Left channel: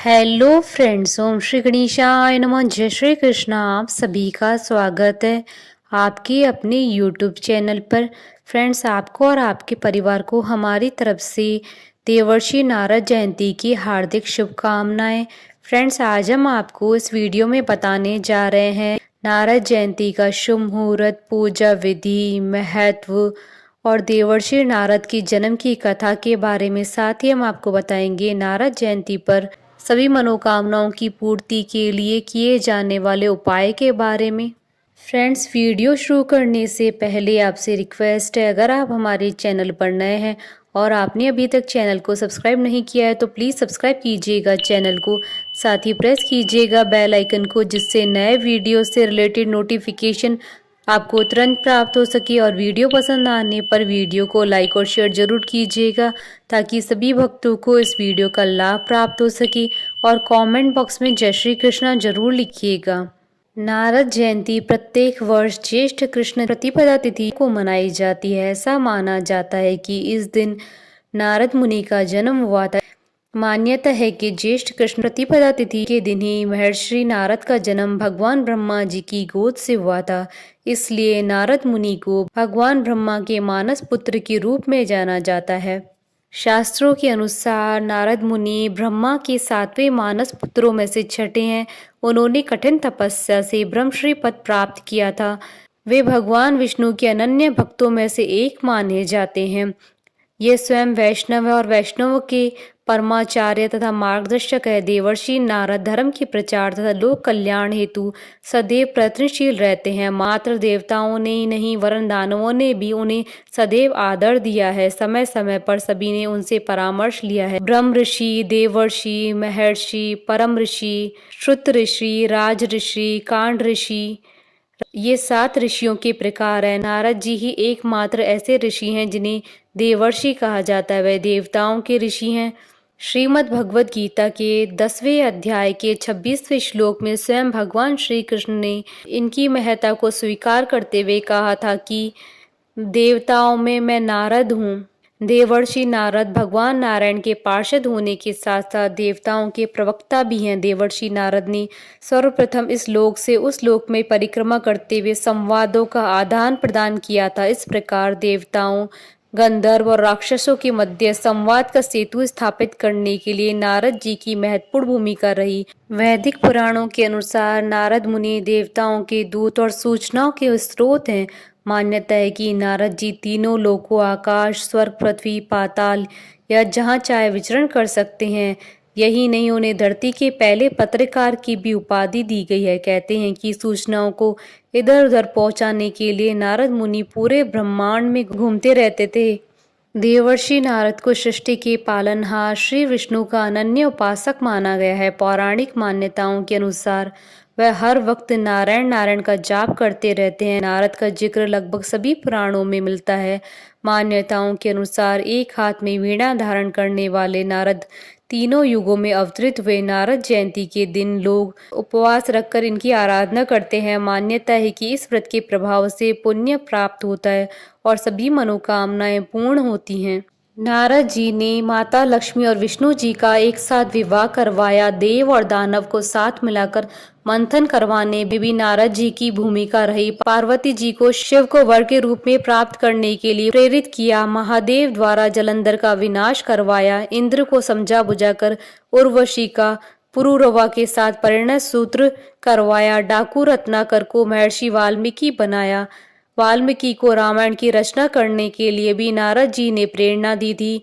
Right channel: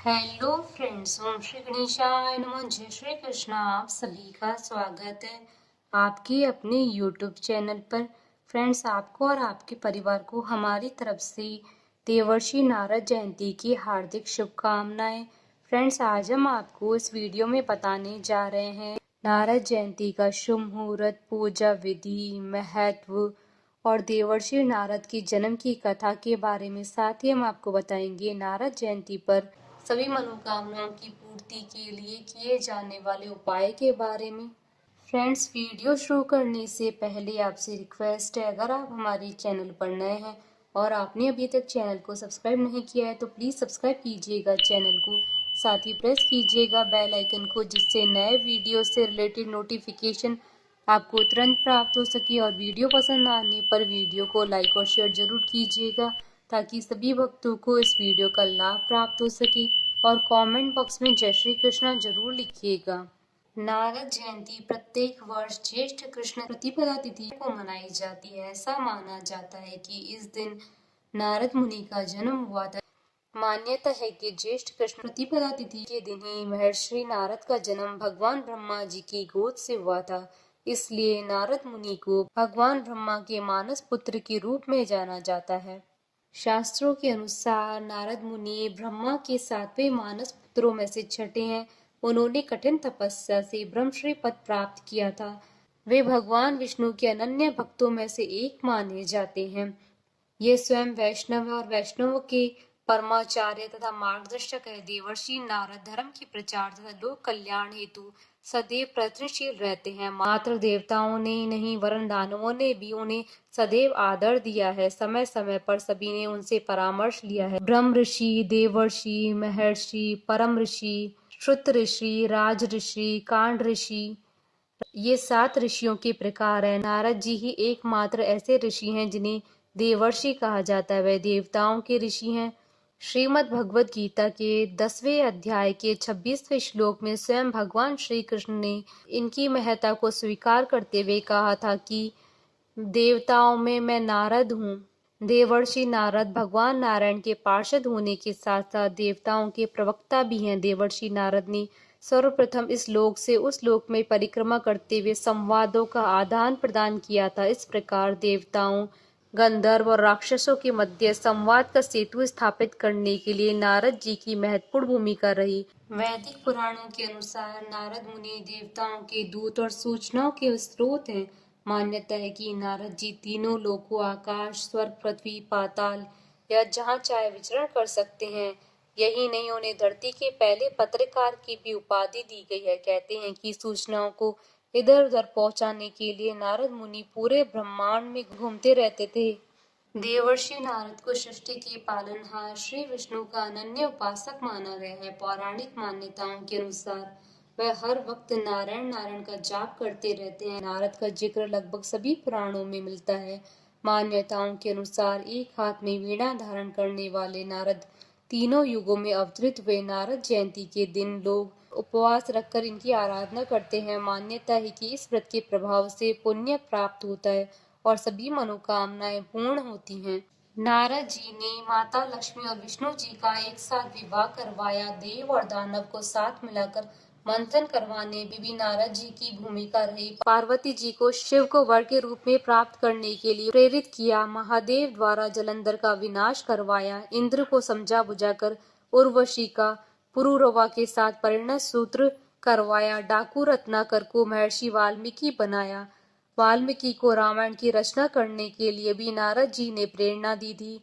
Hello friends, ओम श्री गणेशाय नमः। जय श्री कृष्णा। आप सभी का स्वागत है आपके अपने यूट्यूब चैनल पर। फ्रेंड्स, आपको और आपके परिवार को हमारी तरफ से देवर्षि नारद जयंती की हार्दिक शुभकामनाएं। फ्रेंड्स, आज हम आपको इस वीडियो में बताने जा रहे हैं नारद जयंती का शुभ मुहूर्त, पूजा विधि, महत्व और देवर्षि नारद की जन्म की कथा के बारे में। साथ ही हम आपको बताएंगे नारद जयंती पर सभी मनोकामनाओं की पूर्ति के लिए किए जाने वाले उपाय के बारे में। फ्रेंड्स, वीडियो शुरू करने से पहले आपसे रिक्वेस्ट है, अगर आप हमारे चैनल पर नए हैं और आपने अभी तक चैनल को सब्सक्राइब नहीं किया है तो प्लीज़ सब्सक्राइब कीजिएगा चैनल को। साथ ही प्रेस कीजिएगा बेल आइकन को, जिससे नए वीडियो से रिलेटेड नोटिफिकेशन आपको तुरंत प्राप्त हो सके। और वीडियो पसंद आने पर वीडियो को लाइक और शेयर जरूर कीजिएगा, ताकि सभी भक्तों को इस वीडियो का लाभ प्राप्त हो सके। और कमेंट बॉक्स में जय श्री कृष्णा जरूर लिखिएगा। नारद जयंती प्रत्येक वर्ष ज्येष्ठ कृष्ण प्रतिपदा तिथि को मनाई जाती है। ऐसा माना जाता है कि इस दिन नारद मुनि का जन्म हुआ था। मान्यता है कि ज्येष्ठ कृष्ण प्रतिपदा तिथि के दिन ही महर्षि नारद का जन्म भगवान ब्रह्मा जी की गोद से हुआ था। इसलिए नारद मुनि को भगवान ब्रह्मा के मानस पुत्र के रूप में जाना जाता है। शास्त्रों के अनुसार नारद मुनि ब्रह्मा के 7वें मानस पुत्रों में से छठे हैं। उन्होंने कठिन तपस्या से ब्रह्मश्री पद प्राप्त किया था। वे भगवान विष्णु के अनन्य भक्तों में से एक माने जाते हैं। ये स्वयं वैष्णव है और वैष्णव के परमाचार्य तथा मार्गदर्शक है। देवर्षि नारद धर्म के प्रचार तथा लोक कल्याण हेतु सदैव प्रयत्नशील रहते हैं। मात्र देवताओं ने ही नहीं, वरन दानवों ने भी उन्हें सदैव आदर दिया है। समय समय पर सभी ने उनसे परामर्श लिया है। ब्रह्म ऋषि, देवर्षि, महर्षि, परम ऋषि, श्रुत ऋषि, राज ऋषि, कांड ऋषि, ये 7 ऋषियों के प्रकार हैं। नारद जी ही एकमात्र ऐसे ऋषि हैं जिन्हें देवर्षि कहा जाता है। वे देवताओं के ऋषि हैं। श्रीमद् भगवद गीता के 10वें अध्याय के 26वें श्लोक में स्वयं भगवान श्री कृष्ण ने इनकी महत्ता को स्वीकार करते हुए कहा था कि देवताओं में मैं नारद हूँ। देवर्षि नारद भगवान नारायण के पार्षद होने के साथ साथ देवताओं के प्रवक्ता भी हैं। देवर्षि नारद ने सर्वप्रथम इस लोक से उस लोक में परिक्रमा करते हुए संवादों का आदान प्रदान किया था। इस प्रकार देवताओं, गंधर्व और राक्षसों के मध्य संवाद का सेतु स्थापित करने के लिए नारद जी की महत्वपूर्ण भूमिका रही। वैदिक पुराणों के अनुसार नारद मुनि देवताओं के दूत और सूचनाओं के स्रोत हैं। मान्यता है कि नारद जी तीनों लोकों, आकाश, स्वर्ग, पृथ्वी, पाताल या जहाँ चाहे विचरण कर सकते हैं। यही नहीं, उन्हें धरती के पहले पत्रकार की भी उपाधि दी गई है। कहते हैं कि सूचनाओं को इधर उधर पहुंचाने के लिए नारद मुनि पूरे ब्रह्मांड में घूमते रहते थे। देवर्षि नारद को सृष्टि के पालनहार श्री विष्णु का अनन्य उपासक माना गया है। पौराणिक मान्यताओं के अनुसार वह हर वक्त नारायण नारायण का जाप करते रहते हैं। नारद का जिक्र लगभग सभी पुराणों में मिलता है। मान्यताओं के अनुसार एक हाथ में वीणा धारण करने वाले नारद तीनों युगों में अवतरित हुए। नारद जयंती के दिन लोग उपवास रखकर इनकी आराधना करते हैं। मान्यता है कि इस व्रत के प्रभाव से पुण्य प्राप्त होता है और सभी मनोकामनाएं पूर्ण होती हैं। नारद जी ने माता लक्ष्मी और विष्णु जी का एक साथ विवाह करवाया। देव और दानव को साथ मिलाकर मंथन करवाने में भी नारद जी की भूमिका रही। पार्वती जी को शिव को वर के रूप में प्राप्त करने के लिए प्रेरित किया। महादेव द्वारा जलंधर का विनाश करवाया। इंद्र को समझा बुझाकर उर्वशी का पुरुरवा के साथ परिणय सूत्र करवाया। डाकू रत्नाकर को महर्षि वाल्मीकि बनाया। वाल्मीकि को रामायण की रचना करने के लिए भी नारद जी ने प्रेरणा दी थी।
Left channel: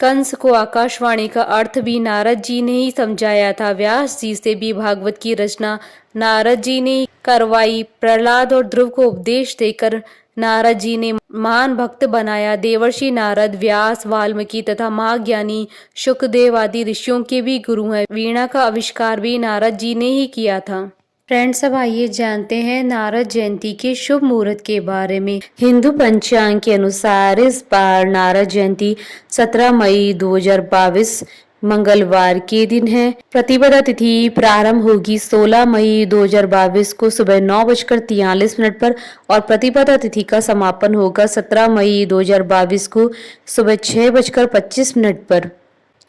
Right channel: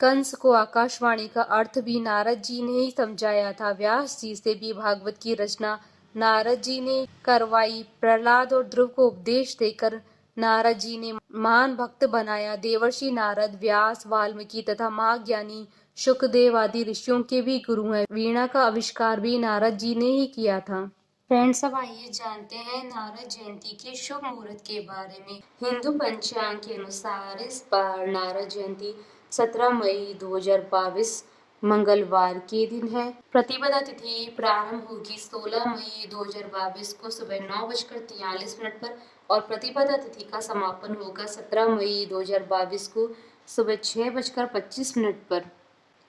कंस को आकाशवाणी का अर्थ भी नारद जी ने ही समझाया था। व्यास जी से भी भागवत की रचना नारद जी ने करवाई। प्रहलाद और ध्रुव को उपदेश देकर नारद जी ने महान भक्त बनाया। देवर्षि नारद व्यास, वाल्मीकि तथा महाज्ञानी शुकदेव आदि ऋषियों के भी गुरु हैं। वीणा का आविष्कार भी नारद जी ने ही किया था। फ्रेंड्स, अब आइए जानते हैं नारद जयंती के शुभ मुहूर्त के बारे में। हिंदू पंचांग के अनुसार इस बार नारद जयंती 17 मई 2022 मंगलवार के दिन है। प्रतिपदा तिथि प्रारंभ होगी 16 मई 2022 को सुबह 9:43 पर और प्रतिपदा तिथि का समापन होगा 17 मई 2022 को सुबह 6:25 पर।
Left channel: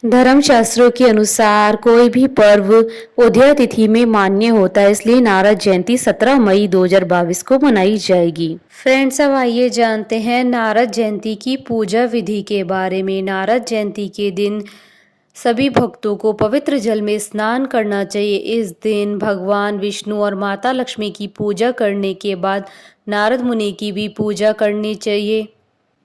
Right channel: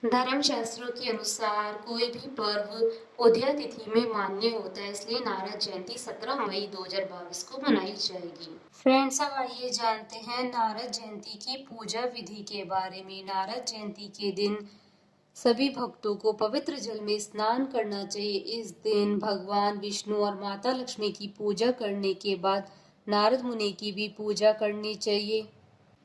धर्मशास्त्रों के अनुसार कोई भी पर्व उदया तिथि में मान्य होता है, इसलिए नारद जयंती 17 मई 2022 को मनाई जाएगी। फ्रेंड्स, अब आइए जानते हैं नारद जयंती की पूजा विधि के बारे में। नारद जयंती के दिन सभी भक्तों को पवित्र जल में स्नान करना चाहिए। इस दिन भगवान विष्णु और माता लक्ष्मी की पूजा करने के बाद नारद मुनि की भी पूजा करनी चाहिए।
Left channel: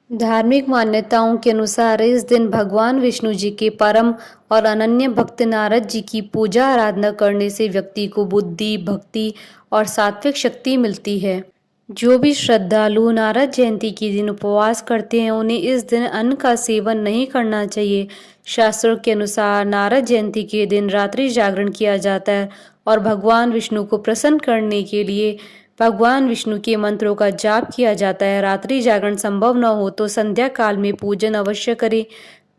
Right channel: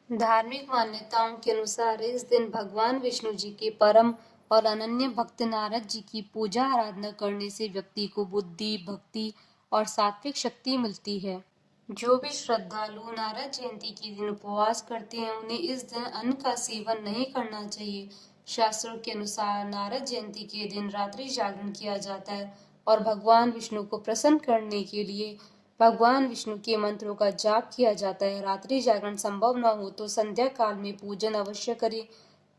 धार्मिक मान्यताओं के अनुसार इस दिन भगवान विष्णु जी के परम और अनन्य भक्त नारद जी की पूजा आराधना करने से व्यक्ति को बुद्धि, भक्ति और सात्विक शक्ति मिलती है। जो भी श्रद्धालु नारद जयंती के दिन उपवास करते हैं, उन्हें इस दिन अन्न का सेवन नहीं करना चाहिए। शास्त्रों के अनुसार नारद जयंती के दिन रात्रि जागरण किया जाता है और भगवान विष्णु को प्रसन्न करने के लिए भगवान विष्णु के मंत्रों का जाप किया जाता है। रात्रि जागरण संभव न हो तो संध्या काल में पूजन अवश्य करें।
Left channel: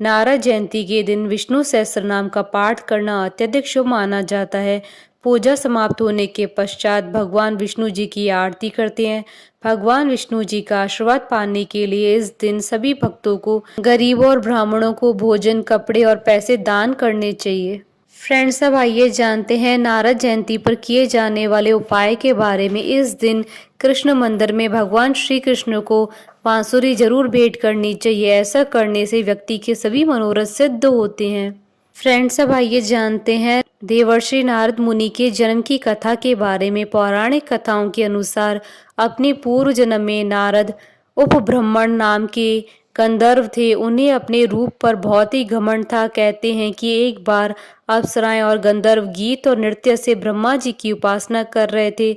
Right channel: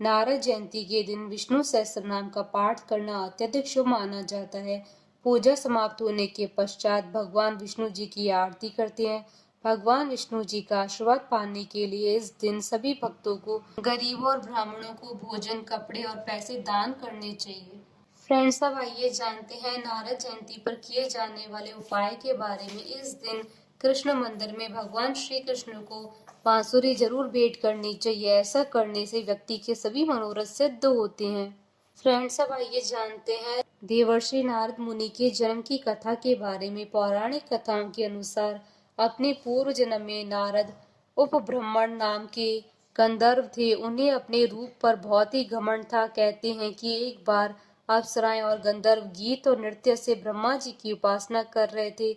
नारद जयंती के दिन विष्णु सहस्त्र नाम का पाठ करना अत्यधिक शुभ माना जाता है। पूजा समाप्त होने के पश्चात भगवान विष्णु जी की आरती करते हैं। भगवान विष्णु जी का आशीर्वाद पाने के लिए इस दिन सभी भक्तों को, गरीबों और ब्राह्मणों को भोजन, कपड़े और पैसे दान करने चाहिए। फ्रेंड्स, अब आइए जानते हैं नारद जयंती पर किए जाने वाले उपाय के बारे में। इस दिन कृष्ण मंदिर में भगवान श्री कृष्ण को बांसुरी जरूर भेंट करनी चाहिए। ऐसा करने से व्यक्ति के सभी मनोरथ सिद्ध होते हैं। फ्रेंड्स, अब आइए जानते हैं देवर्षि नारद मुनि के जन्म की कथा के बारे में। पौराणिक कथाओं के अनुसार अपने पूर्व जन्म में नारद उपब्रह्मण नाम के गंधर्व थे। उन्हें अपने रूप पर बहुत ही घमंड था। कहते हैं कि एक बार अप्सराएं और गंधर्व गीत और नृत्य से ब्रह्मा जी की उपासना कर रहे थे।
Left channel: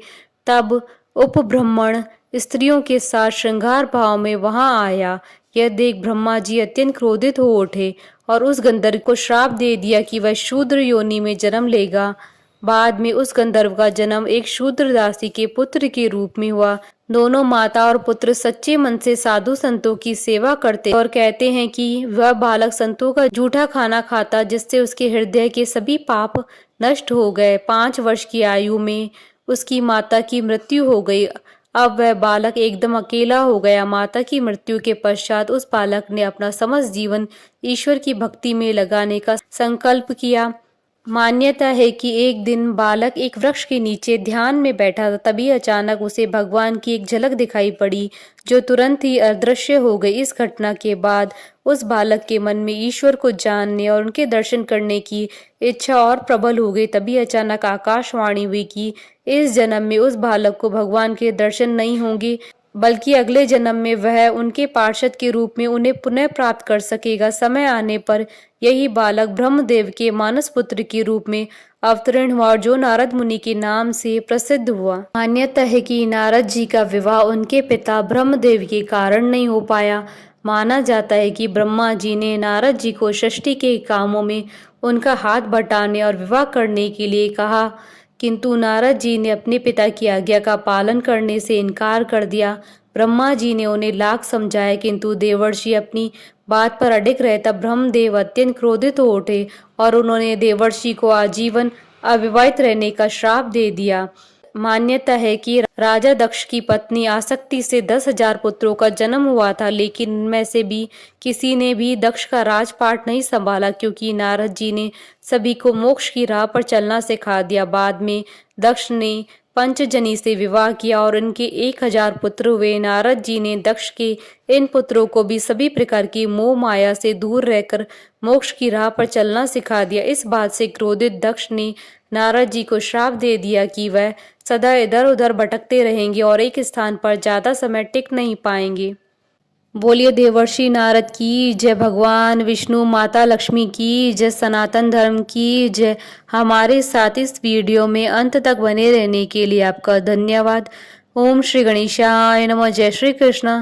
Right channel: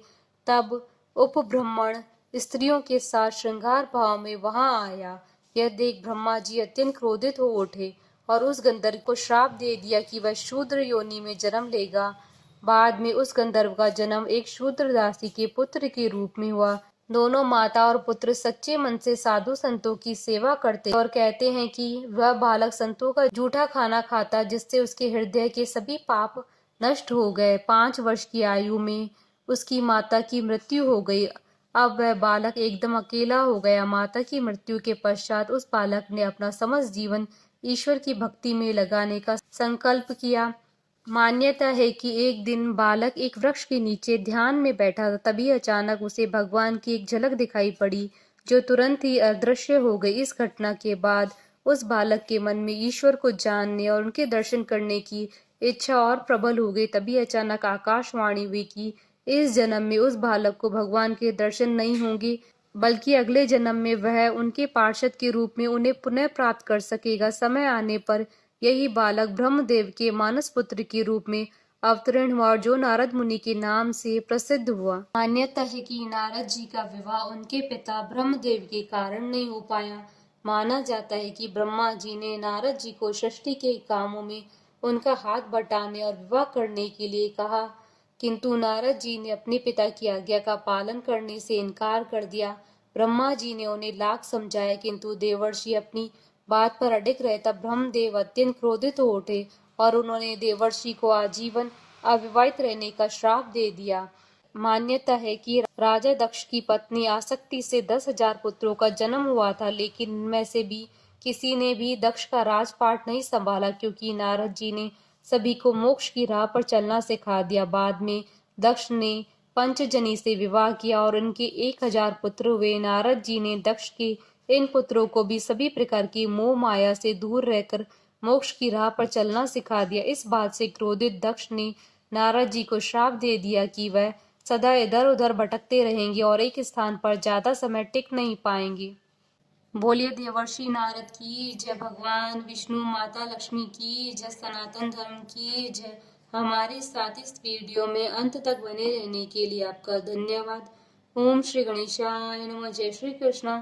तब उपब्रह्मण स्त्रियों के साथ श्रृंगार भाव में वहां आया। यह देख ब्रह्मा जी अत्यंत क्रोधित हो उठे और उस गंधर्व को श्राप दे दिया कि वह शूद्र योनि में जन्म लेगा। बाद में उस गंधर्व का जन्म एक शूद्र दासी के पुत्र के रूप में हुआ। दोनों माता और पुत्र सच्चे मन से साधु संतों की सेवा करते और कहते हैं कि वह बालक संतों का जूठा खाना खाता, जिससे उसके हृदय के सभी पाप नष्ट हो गए। 5 वर्ष की आयु में उसकी माता की मृत्यु हो गई। अब वह बालक एकदम अकेला हो गया। माता की मृत्यु के पश्चात उस बालक ने अपना समस्त जीवन ईश्वर की भक्ति में लगाने का संकल्प किया। मान्यता है कि एक दिन बालक एक वृक्ष के नीचे ध्यान में बैठा था। तभी अचानक उसे भगवान की एक झलक दिखाई पड़ी, जो तुरंत ही अदृश्य हो गई। इस घटना के बाद उस बालक के मन में ईश्वर को जानने और उनके दर्शन करने की इच्छा और प्रबल हो गई। तभी अचानक आकाशवाणी हुई कि इस जन्म में उस बालक को भगवान के दर्शन नहीं होंगे, बल्कि अगले जन्म में वह उनके पार्षद के रूप में उन्हें पुनः प्राप्त कर सकेगा। समय आने पर यही बालक ब्रह्मदेव के मानस पुत्र के रूप में अवतरण हुआ, जो नारद मुनि के नाम से प्रसिद्ध हुआ। मान्यता है कि नारद जी का विवाह उनके पिता ब्रह्मदेव के कारण नहीं हो पाया। माना जाता है कि ब्रह्मा जी ने नारद जी को सृष्टि के कामों में उनका हाथ बटाने और विवाह करने के लिए कहा, किंतु नारद जी ने अपने पिता की आज्ञा का पालन करने से इनकार कर दिया। ब्रह्मा जी ने उन्हें लाख समझाया, किंतु देवर्षि अपनी बात पर अडिग रहे। तब ब्रह्मदेव अत्यंत क्रोधित हो उठे और उन्होंने देवर्षि को आजीवन अविवाहित रहने का श्राप दे दिया। मान्यता है कि राजा दक्ष की पत्नी आसक्ति से 10,000 पुत्रों का जन्म हुआ था, लेकिन इनमें से भी किसी ने भी दक्ष का राजपाट नहीं संभाला, क्योंकि नारद जी ने सभी को मोक्ष की राह पर चलना सिखा दिया। बाद में दक्ष ने पंचजनी से विवाह किया और इनके 1,000 पुत्र हुए। नारद जी ने दक्ष के इन पुत्रों को भी सभी प्रकार की मोह माया से दूर रहकर मोक्ष की राह पर चलना सिखा दिया। इस बात से क्रोधित दक्ष ने नारद जी को श्राप दे दिया कि वह सदा इधर उधर भटकते रहेंगे और एक स्थान पर ज्यादा समय टिक नहीं पाएंगे। बोलिए देवर्षि नारद की जय, भगवान विष्णु, माता लक्ष्मी की जय, सनातन धर्म की जय। हमारे साथ इस वीडियो में अंत तक बने रहने के लिए आपका धन्यवाद। ओम श्री गणेशाय नमः। जय श्री कृष्ण।